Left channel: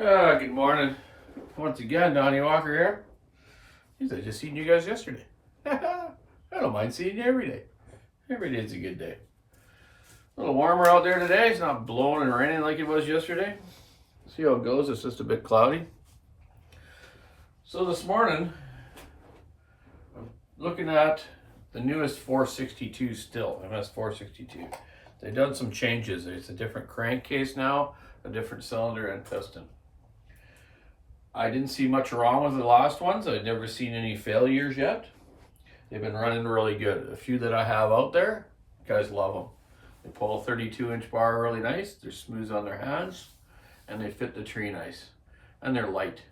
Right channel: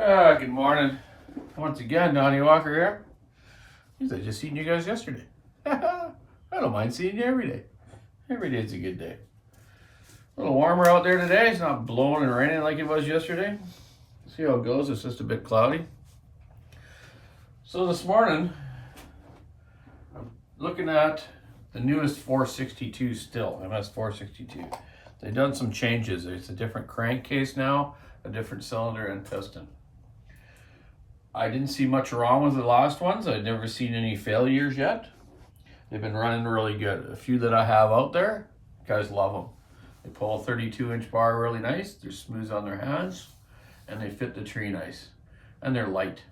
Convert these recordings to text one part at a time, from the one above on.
Good morning. Once again, Donny Walker here. I just seen you guys yesterday. I don't mind seeing you every day. Every day is a good day. A little warmer out there today. It's not blowing and raining like it was yesterday. See how it goes. It's just a bit cloudy. So this morning, I'm looking at the newest 462 Stihl, MS 462. They've done some changes. It's a different crankcase now, a different cylinder and piston. I didn't see much wrong with the last ones. I've never seen any failures yet. They've been running really good. A few that I have out there, guys love them. They pull a 32-inch bar really nice. They're smooth on their hands, and they fit the tree nice, and they're light.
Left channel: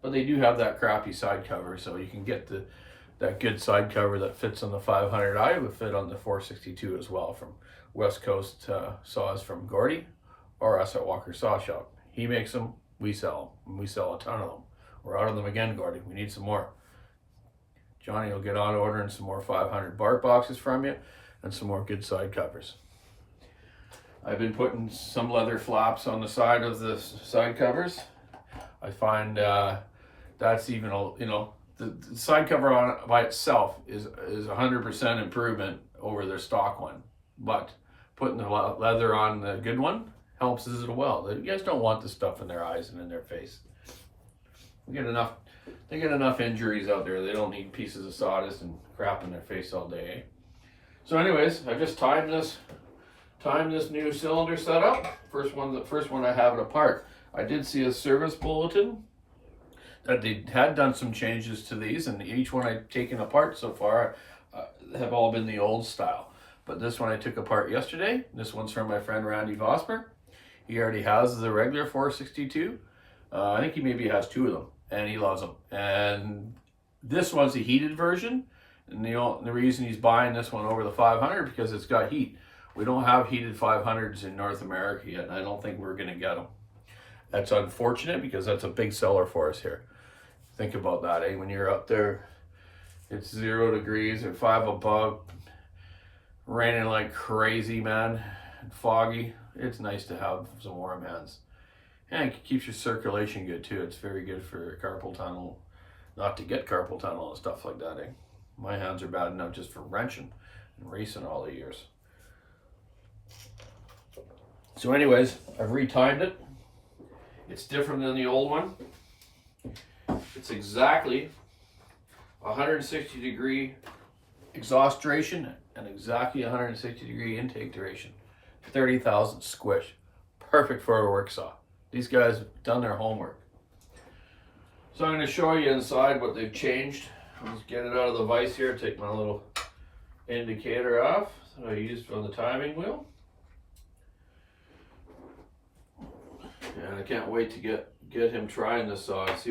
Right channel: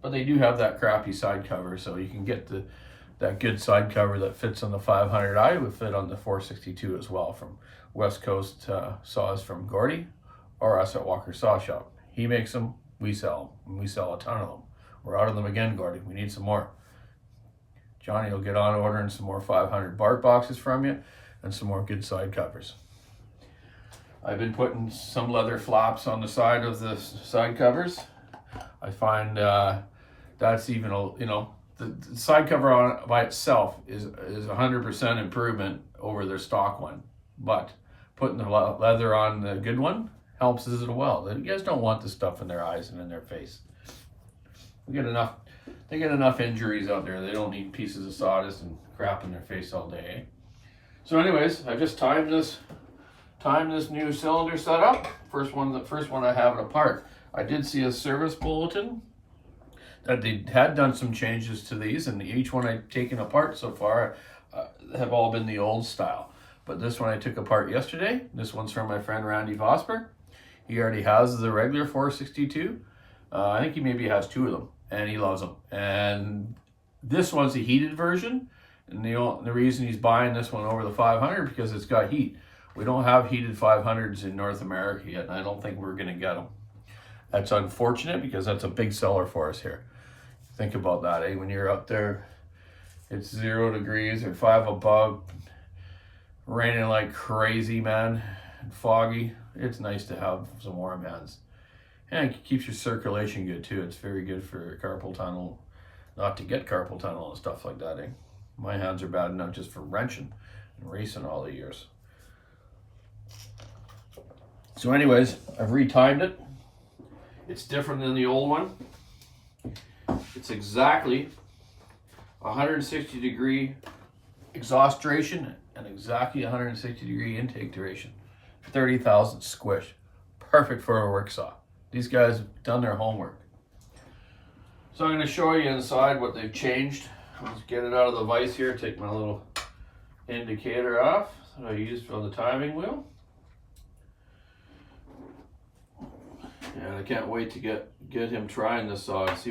But they do have that crappy side cover, so you can get that good side cover that fits on the 500i would fit on the 462 as well, from West Coast saws from Gordy or us at Walker Saw Shop. He makes them, we sell them, and we sell a ton of them. We're out of them again, Gordy. We need some more. Johnny will get on ordering some more 500 bark boxes from you and some more good side covers. I've been putting some leather flaps on the side of the side covers. I find that's even, the side cover on it by itself is 100% improvement over their stock one. But putting the leather on the good one helps as well. You guys don't want the stuff in their eyes and in their face. They get enough injuries out there. They don't need pieces of sawdust and crap in their face all day. So anyways, I've just timed this new cylinder setup. First one I have it apart. I did see a service bulletin that they had done some changes to these, and each one I've taken apart so far have all been the old style. But this one I took apart yesterday. This one's from my friend Randy Vosper. He already has the regular 462. I think he maybe has two of them, and he loves them. And this one's a heated version, and the reason he's buying this one over the 500 because it's got heat. We don't have heated 500s in North America yet, and I don't think we're going to get them. That's unfortunate because that's a big seller for us here. Think about that, eh? When you're up there, it's 0 degrees or 5 above, raining like crazy, man, and foggy. It's nice to have some warm hands. And it keeps your circulation good too. It's very good for carpal tunnel, not to get carpal tunnel and stuff like that, eh? My hands are bad enough just for wrenching and racing all the years. So anyways, I've retimed it. It's different than the old one. It's exactly 160 degree exhaust duration and exactly 160 degree intake duration. 30,000 squish. Perfect for a work saw. These guys have done their homework. So I'm going to show you inside what they've changed. Let's get it out of the vise here. Take my little indicator off that I used on the timing wheel. And I can't wait to get him trying this saw and see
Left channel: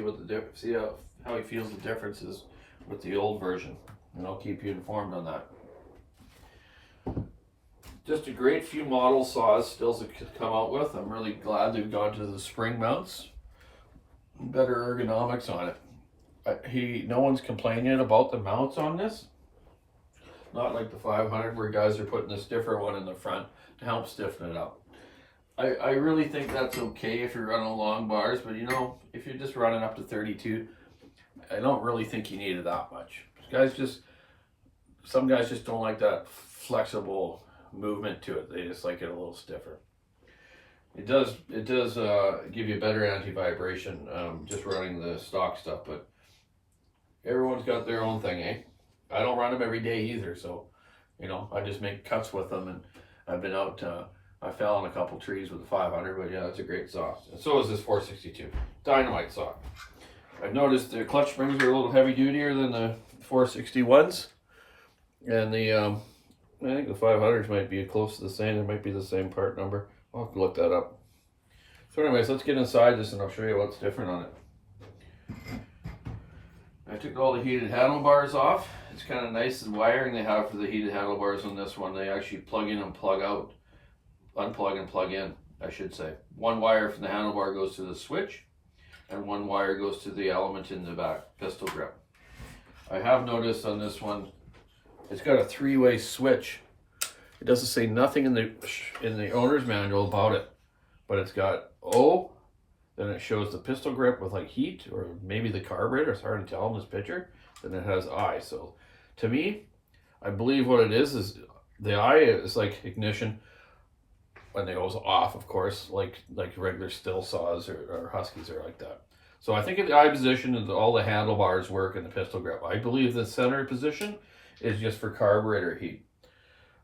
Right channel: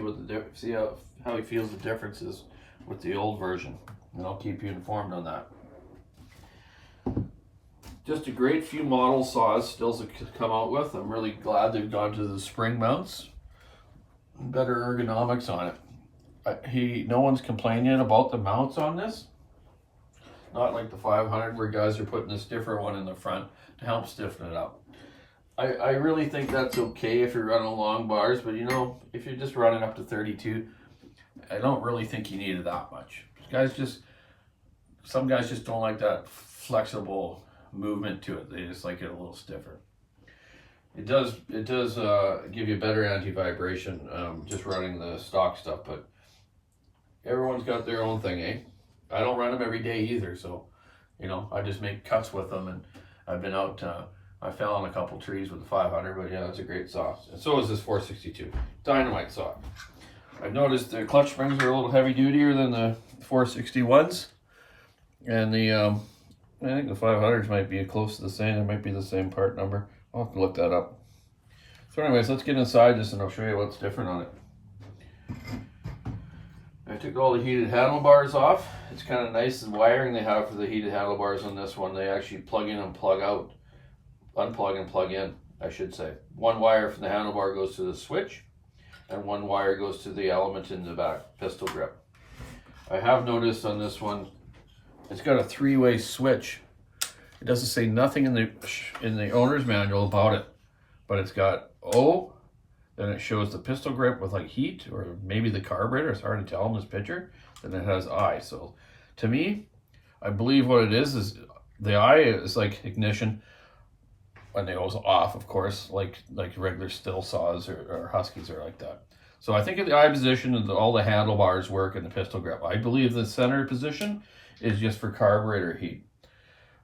how he feels the differences with the old version. And I'll keep you informed on that. Just a great few model saws Stihls have come out with. I'm really glad they've gone to the spring mounts. Better ergonomics on it. No one's complaining about the mounts on this. Not like the 500 where guys are putting this different one in the front to help stiffen it up. I really think that's okay if you're running long bars, but if you're just running up to 32, I don't really think you need it that much. Some guys just don't like that flexible movement to it. They just like it a little stiffer. It does give you better anti-vibration just running the stock stuff, but everyone's got their own thing, eh? I don't run them every day either, so I just make cuts with them, and I've been out. I fell on a couple trees with the 500, but yeah, that's a great saw. And so is this 462 dynamite saw. I've noticed the clutch springs are a little heavy dutier than the 461s, and I think the 500s might be close to the same. There might be the same part number. I'll have to look that up. So anyways, let's get inside this and I'll show you what's different on it. I took all the heated handlebars off. It's kind of nice and wiring they have for the heated handlebars on this one. They actually plug in and plug out. Unplug and plug in, I should say. One wire from the handlebar goes to the switch, and one wire goes to the element in the back, pistol grip. I have noticed on this one, it's got a 3-way switch. It doesn't say nothing in the owner's manual about it, but it's got O, then it shows the pistol grip with like heat, or maybe the carburetor. It's hard to tell in this picture. Then it has I. So to me, I believe what it is the I is like ignition when it goes off, of course, like regular Stihl saws or Huskies are like that. So I think at the I position, all the handlebars work in the pistol grip. I believe the center position is just for carburetor heat.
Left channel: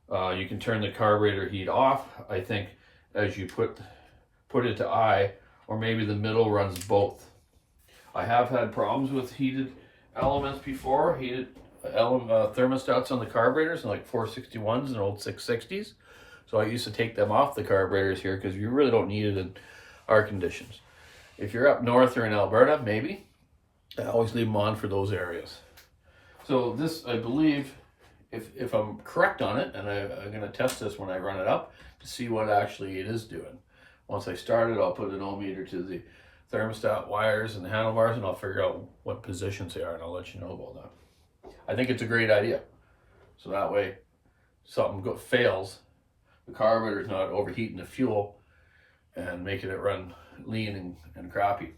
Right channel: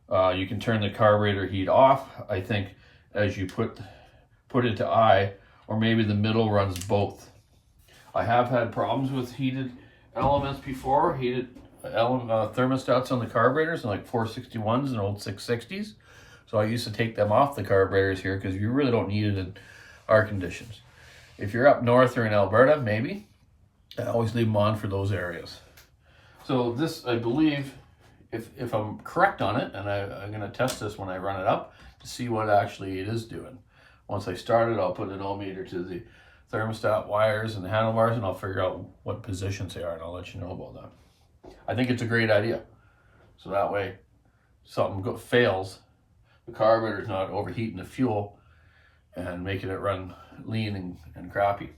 You can turn the carburetor heat off, I think, as you put it to I, or maybe the middle runs both. I have had problems with heated elements before, heated thermostats on the carburetors, and like 461s and old 660s. So I used to take them off the carburetors here because you really don't need it in our conditions. If you're up north or in Alberta, maybe. I always leave them on for those areas. So this, I believe, if I'm correct on it, and I'm going to test this when I run it up to see what actually it is doing. Once I start it, I'll put an ohmmeter to the thermostat wires and the handlebars, and I'll figure out what positions they are, and I'll let you know about that. I think it's a great idea. So that way, something fails, the carburetor's not overheating the fuel and making it run lean and crappy.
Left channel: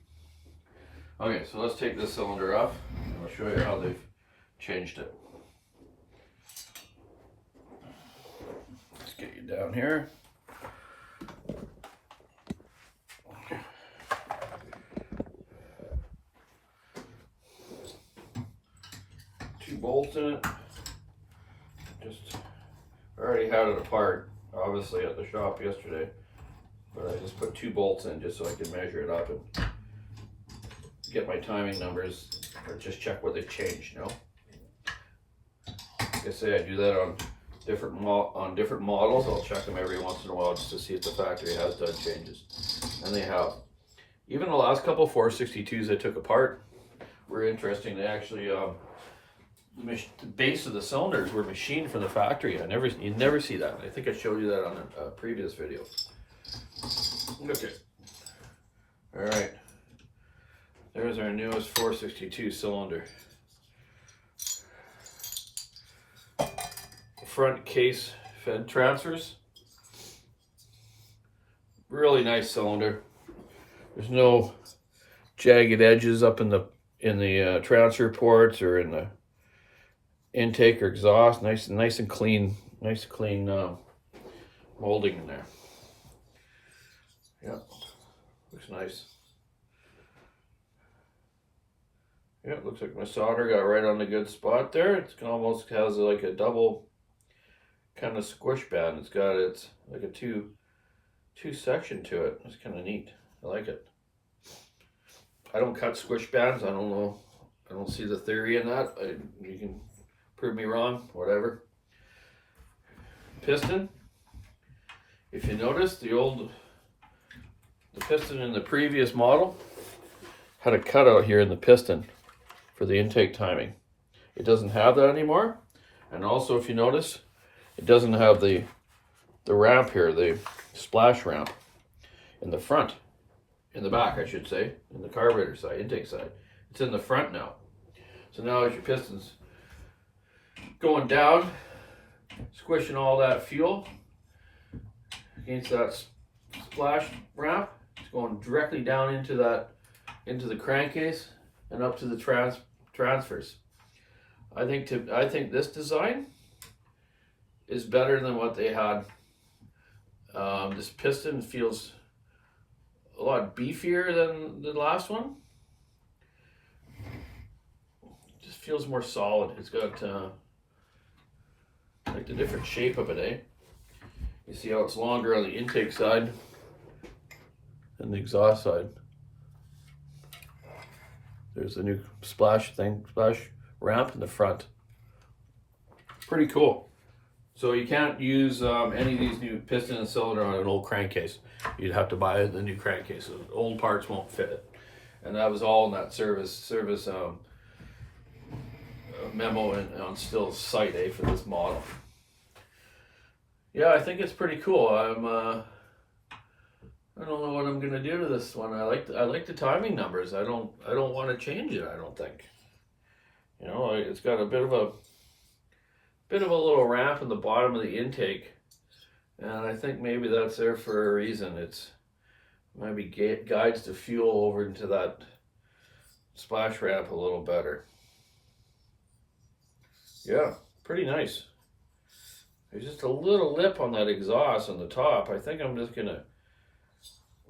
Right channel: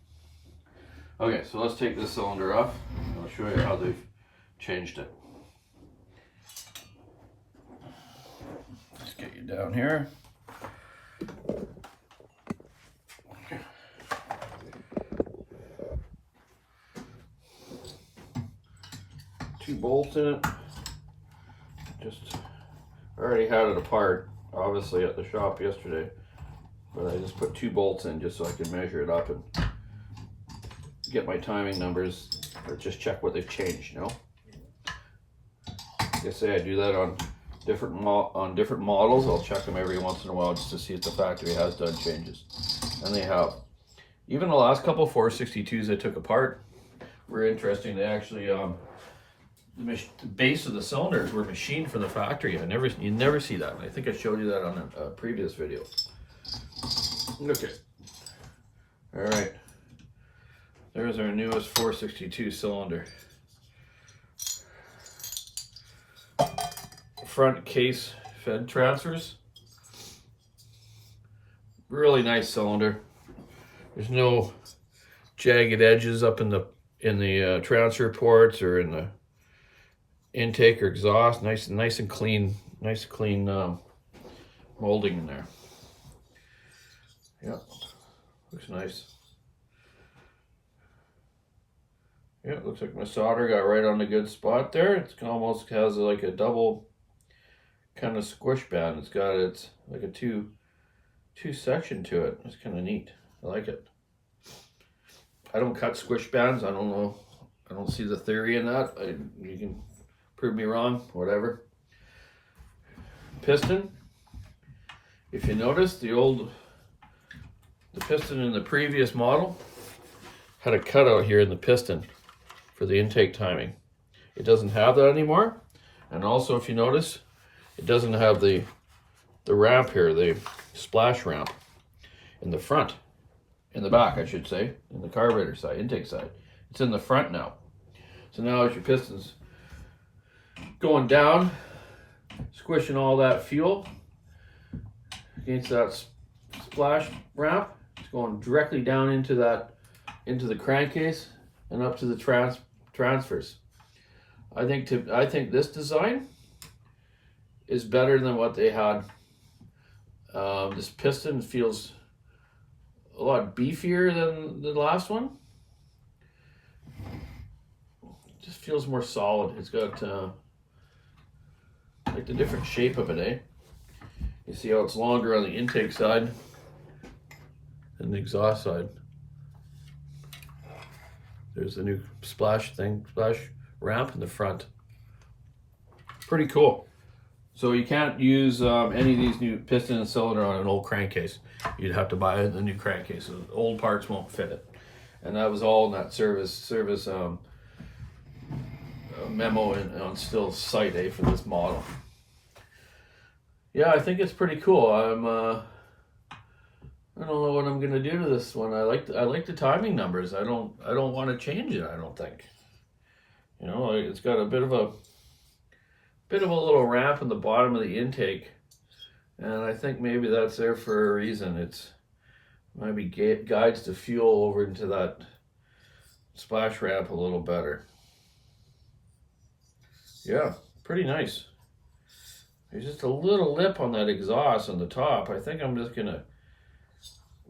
Okay, so let's take this cylinder off, and I'll show you how they've changed it. Let's get you down here. Two bolts in it. I already had it apart, obviously, at the shop yesterday, but I just put 2 bolts in just so I can measure it up and get my timing numbers, or just check what they've changed, you know. Like I say, I do that on different models. I'll check them every once in a while just to see if the factory has done changes, and they have. Even the last couple 462s I took apart were interesting. They actually the base of the cylinders were machined from the factory. You never see that. I think I showed you that on a previous video. Okay. All right. There's our newest 462 cylinder. Front case fed transfers. Really nice cylinder. There's no jagged edges up in the transfer ports or in the intake or exhaust. Nice and clean, molding in there. Yep, looks nice. Yeah, it looks like my solder got right on the good spot there. It's almost has like a double kind of squish band. It's like a two section to it. It's kind of neat. I like it. I don't cut squish bands. I don't know. I don't see the theory in that. You can prove me wrong, whatever. Piston. If you notice, the piston in the previous model had a cutout here in the piston for the intake timing. It doesn't have that anymore. And also, if you notice, it doesn't have the ramp here, the splash ramp in the front, in the back, I should say, in the carburetor side, intake side. It's in the front now. So now as your piston's going down, squishing all that fuel against that splash ramp, it's going directly down into the crankcase and up to the transfers. I think this design is better than what they had. This piston feels a lot beefier than the last one. It just feels more solid. It's got like the different shape of it, eh? You see how it's longer on the intake side than the exhaust side. There's the new splash ramp in the front. Pretty cool. So you can't use any of these new piston and cylinder on an old crankcase. You'd have to buy the new crankcase. So the old parts won't fit it. And that was all in that service memo on Stihl's site, for this model. Yeah, I think it's pretty cool. I don't know what I'm gonna do to this one. I like the timing numbers. I don't want to change it. I don't think. You know, it's got a bit of a little ramp in the bottom of the intake, and I think maybe that's there for a reason. It's maybe guides the fuel over into that splash ramp a little better. Yeah, pretty nice. There's just a little lip on that exhaust on the top. I think I'm just gonna,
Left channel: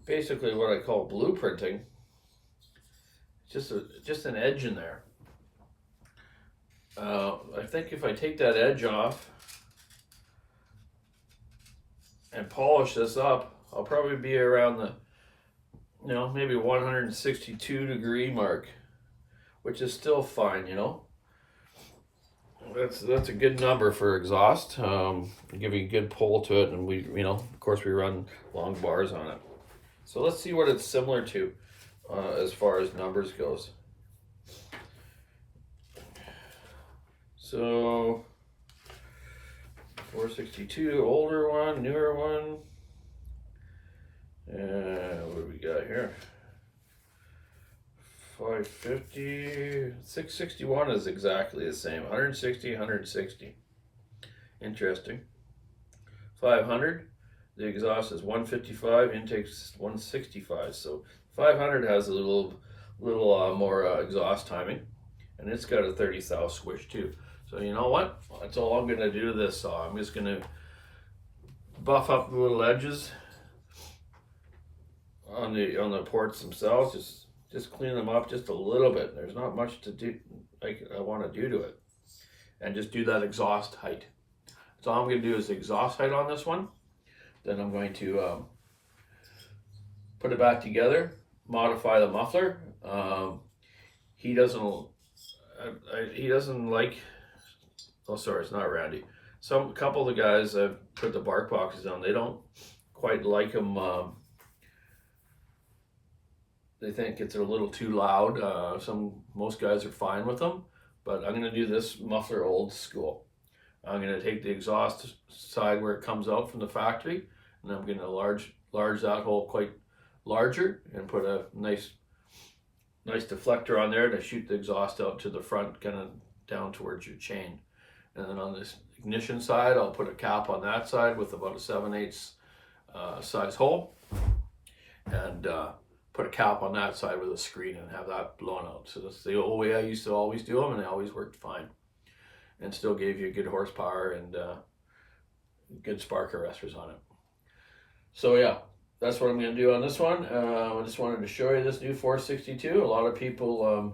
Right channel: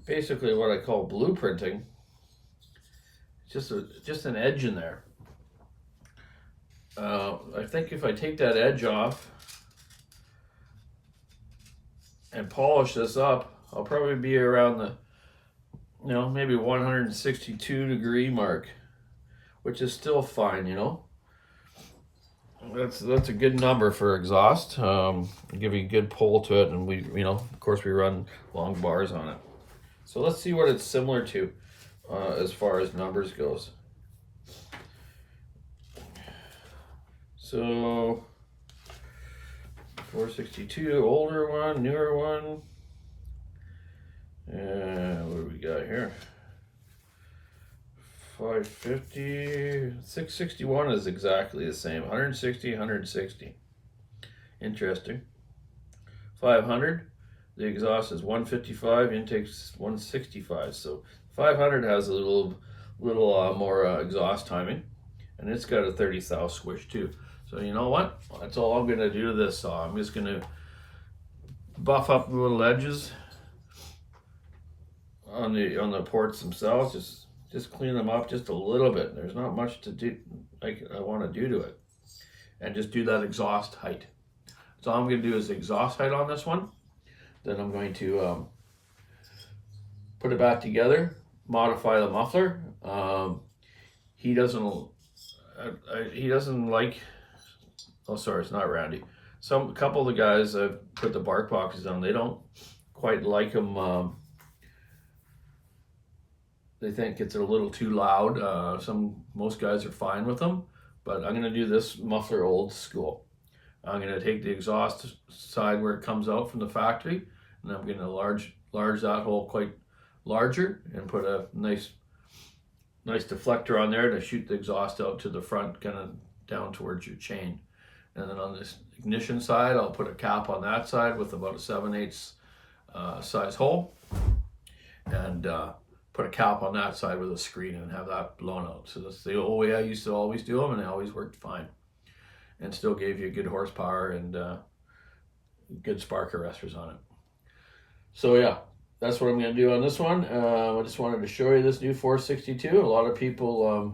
basically what I call blueprinting. Just an edge in there. I think if I take that edge off and polish this up, I'll probably be around the, you know, maybe 162 degree mark, which is still fine, you know. That's a good number for exhaust. Give you a good pull to it, and we, you know, of course we run long bars on it. So let's see what it's similar to as far as numbers goes. So 462, older one, newer one. And what do we got here? 550, 661 is exactly the same. 160, 160. Interesting. 500, the exhaust is 155, intake's 165. So 500 has a little more exhaust timing, and it's got a 30 thou switch too. So you know what? That's all I'm gonna do to this saw. I'm just gonna buff up the little edges on the ports themselves. Just clean them up just a little bit. There's not much to do, like I want to do to it, and just do that exhaust height. So all I'm going to do is exhaust height on this one. Then I'm going to put it back together, modify the muffler. He doesn't like. Oh, sorry, it's not Randy. A couple of the guys I've put the bark boxes on, they don't quite like them. They think it's a little too loud. Most guys are fine with them, but I'm gonna do this muffler old school. I'm gonna take the exhaust side where it comes out from the factory, and I'm gonna large that hole quite larger and put a nice deflector on there to shoot the exhaust out to the front, kind of down towards your chain. And then on this ignition side, I'll put a cap on that side with about a 7/8 size hole, and put a cap on that side with a screen and have that blown out. So that's the old way I used to always do them, and they always worked fine and still gave you good horsepower and good spark arresters on it. So yeah, that's what I'm going to do on this one. I just wanted to show you this new 462. A lot of people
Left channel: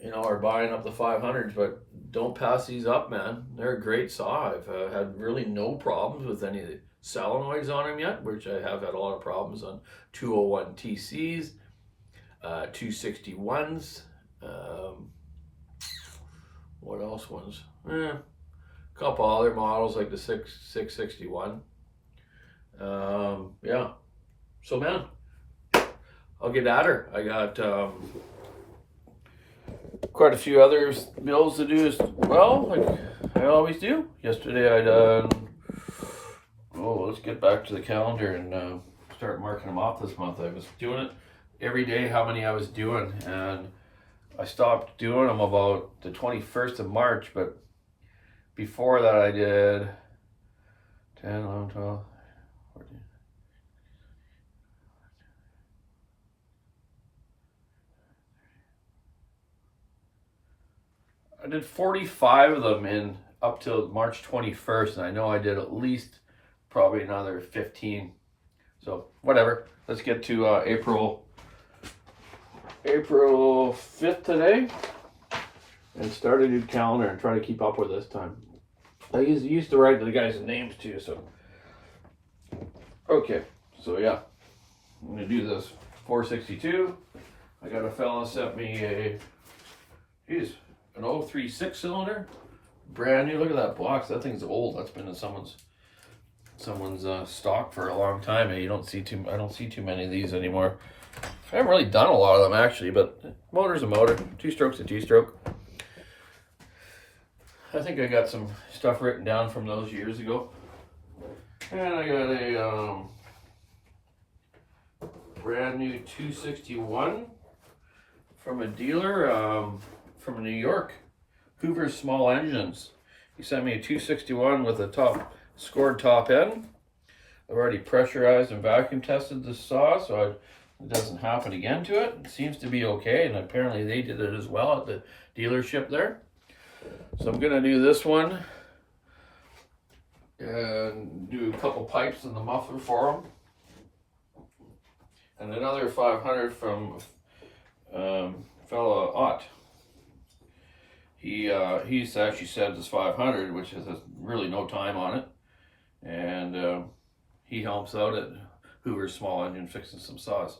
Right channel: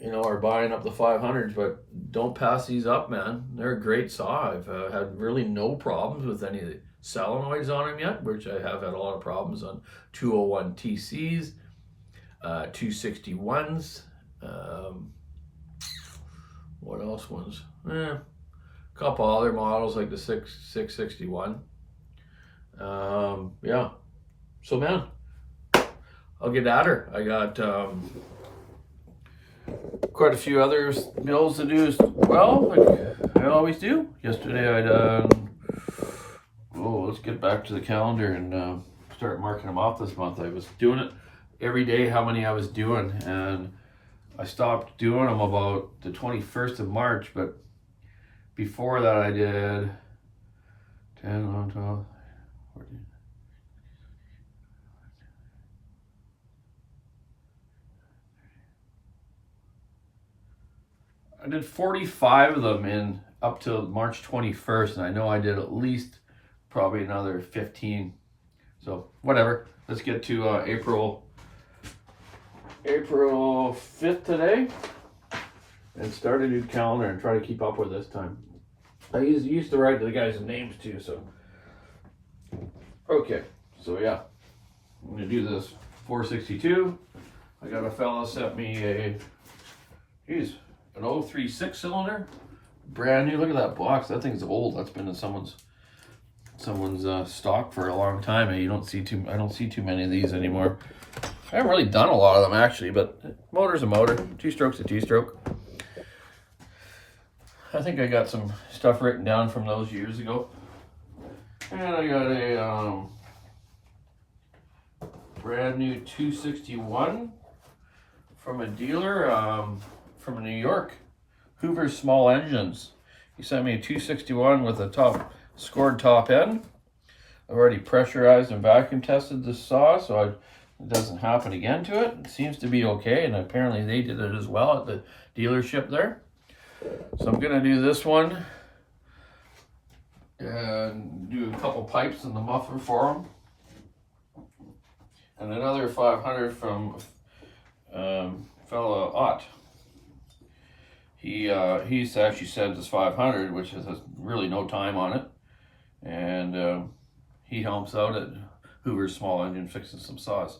you know, are buying up the 500s, but don't pass these up, man. They're a great saw. I've had really no problems with any of the solenoids on them yet, which I have had a lot of problems on 201 TCs, 261s, what else ones? A couple other models like the 661. Yeah, so man, I'll get at her. I got quite a few other builds to do as well, like I always do. Yesterday I done, let's get back to the calendar and start marking them off this month. I was doing it every day, how many I was doing, and I stopped doing them about the 21st of March, but before that I did 10, 11, 12, 14. I did 45 of them in up till March 21st, and I know I did at least probably another 15. So whatever. Let's get to April 5th today and start a new calendar and try to keep up with this time. I used to write the guys' names too, so okay. So yeah, I'm gonna do this 462. I got a fella sent me an 036 cylinder, brand new. Look at that box. That thing's old. That's been in someone's stock for a long time, and I don't see too many of these anymore. I haven't really done a lot of them actually, but motor's a motor. Two-stroke's a two-stroke. I think I got some stuff written down from those years ago. And I got a brand new 261 from a dealer from New York, Hoover's Small Engines. He sent me a 261 with a scored top end. I've already pressurized and vacuum tested the saw, so it doesn't happen again to it. It seems to be okay, and apparently they did it as well at the dealership there. So I'm gonna do this one and do a couple pipes in the muffler for them. And another 500 from fella Ott. He's actually sent us 500, which has really no time on it, and he helps out at Hoover's Small Engine fixing some saws.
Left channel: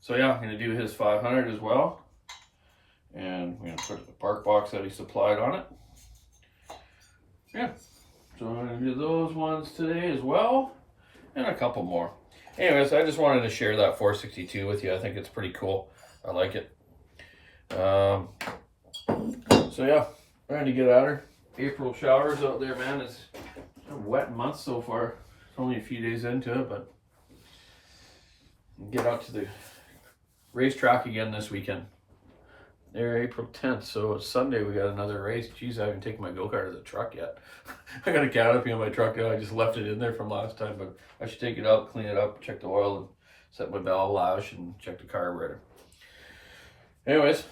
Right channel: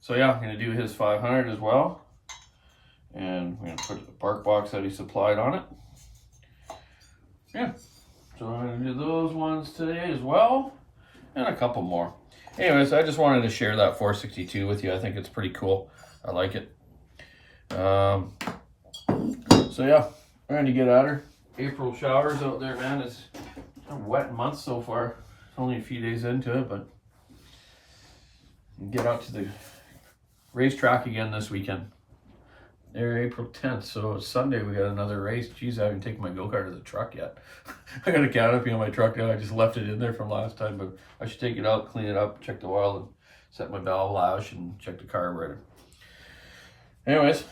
So yeah, I'm gonna do his 500 as well, and we're gonna put the bark box that he supplied on it. Yeah, so I'm gonna do those ones today as well, and a couple more. Anyways, I just wanted to share that 462 with you. I think it's pretty cool. I like it. So yeah, we're going to get at her. April showers out there, man. It's a wet month so far. Only a few days into it, but get out to the racetrack again this weekend. There, April 10th. So it's Sunday. We got another race. Geez, I haven't taken my go-kart to the truck yet. I got a canopy on my truck now. I just left it in there from last time, but I should take it out, clean it up, check the oil, and set my valve lash and check the carburetor. Anyways,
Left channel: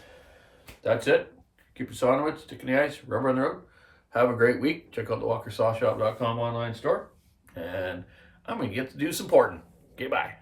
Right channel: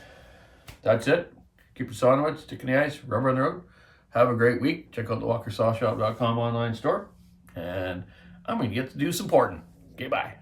that's it. Keep your saw on it, stick in the ice, rubber on the road. Have a great week. Check out the WalkerSawShop.com online store. And I'm going to get to do some porting. Okay, bye.